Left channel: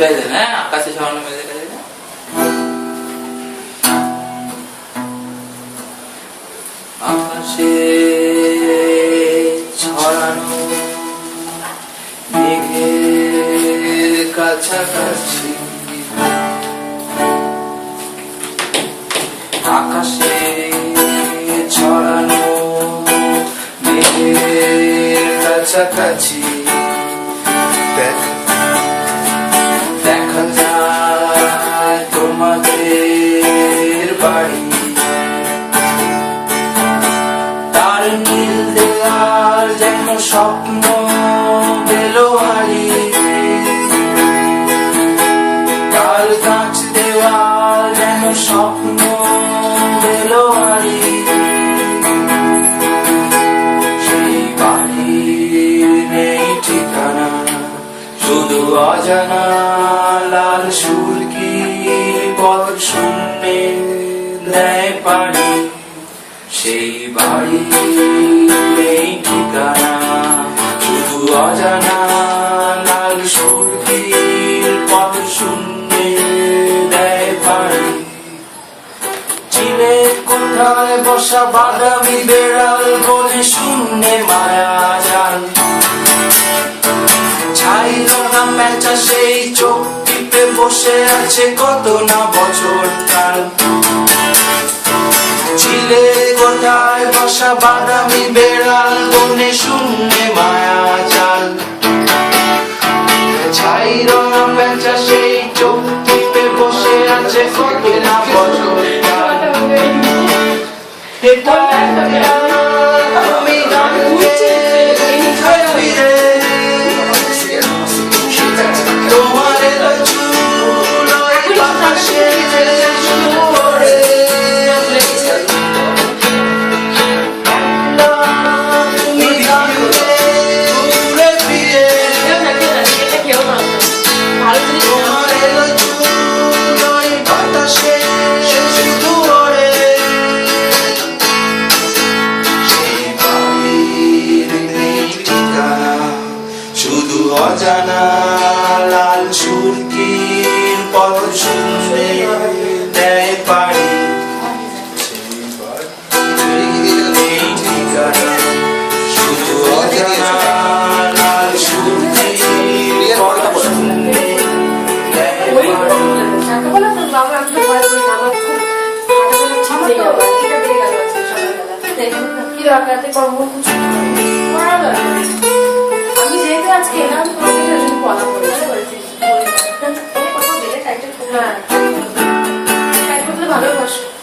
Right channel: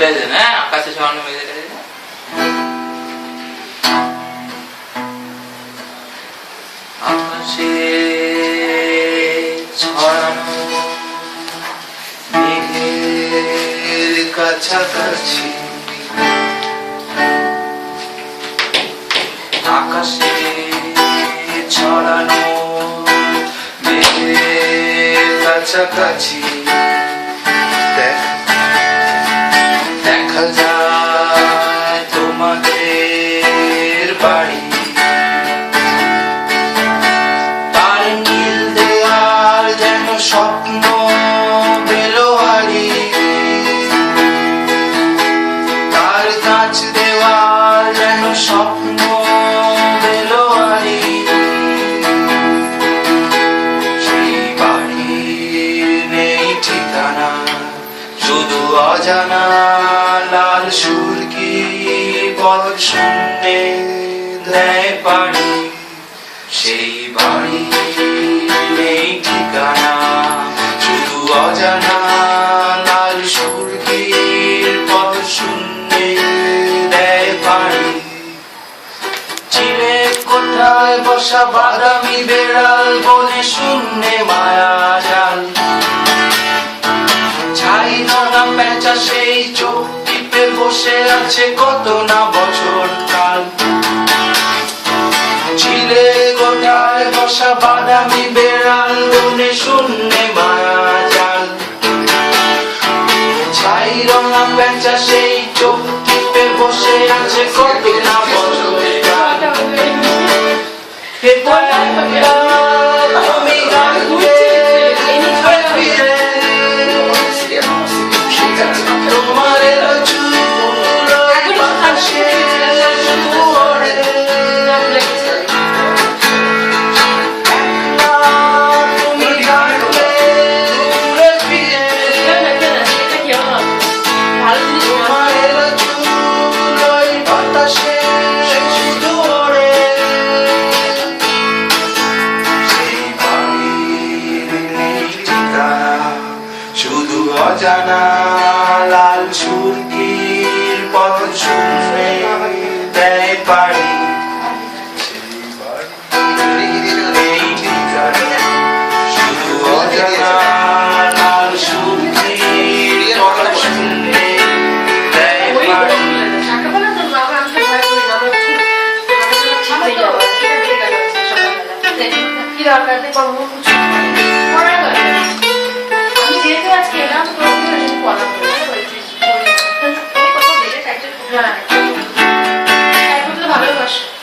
বেজে না আকাশে ছড়ানো বেজে আকাশে ছড়ানো মেঘের কাছাকাছি আকাশে ছড়ানো মেঘের কাছাকাছি দেখা যায় তোমাদের বাড়ি তার নীল দেওয়াল যেন স্বপ্ন বেলোয়ারি তার কাঁচ দেওয়াল যেন স্বপ্ন বেলোয়ারি সেই বাড়ির নেই ঠিকানা শুধু অজানা লাল সুরকি পথ শূন্যে দেয় পাড়ি সেই বাড়ি নেই ঠিকানা শুধু অজানা লাল সুরকি পথ শূন্যে দেয় পাড়ি চিলে কোঠায় বসা বাদামি বেড়াল বলে শূন্যে মায়া জাল সেই চোখ টিপে বসে আছে কত না বছর কাল ছিলে কোঠায় বসা বাদামি বেড়াল মনে শূন্যে মায়া জাল ছাইর না পেঁচা সেই চোখ টিপে বসে আছে কত না বছর কাল শুধু অজানা লাল সুরকির পথ শূন্যে দেয় পাড়ি শুধু অজানা লাল সুরকির পথ শূন্যে দেয় পাড়ি কি দরকার করবো আজকে এলাম পড়া করেছিস ভালোবাসো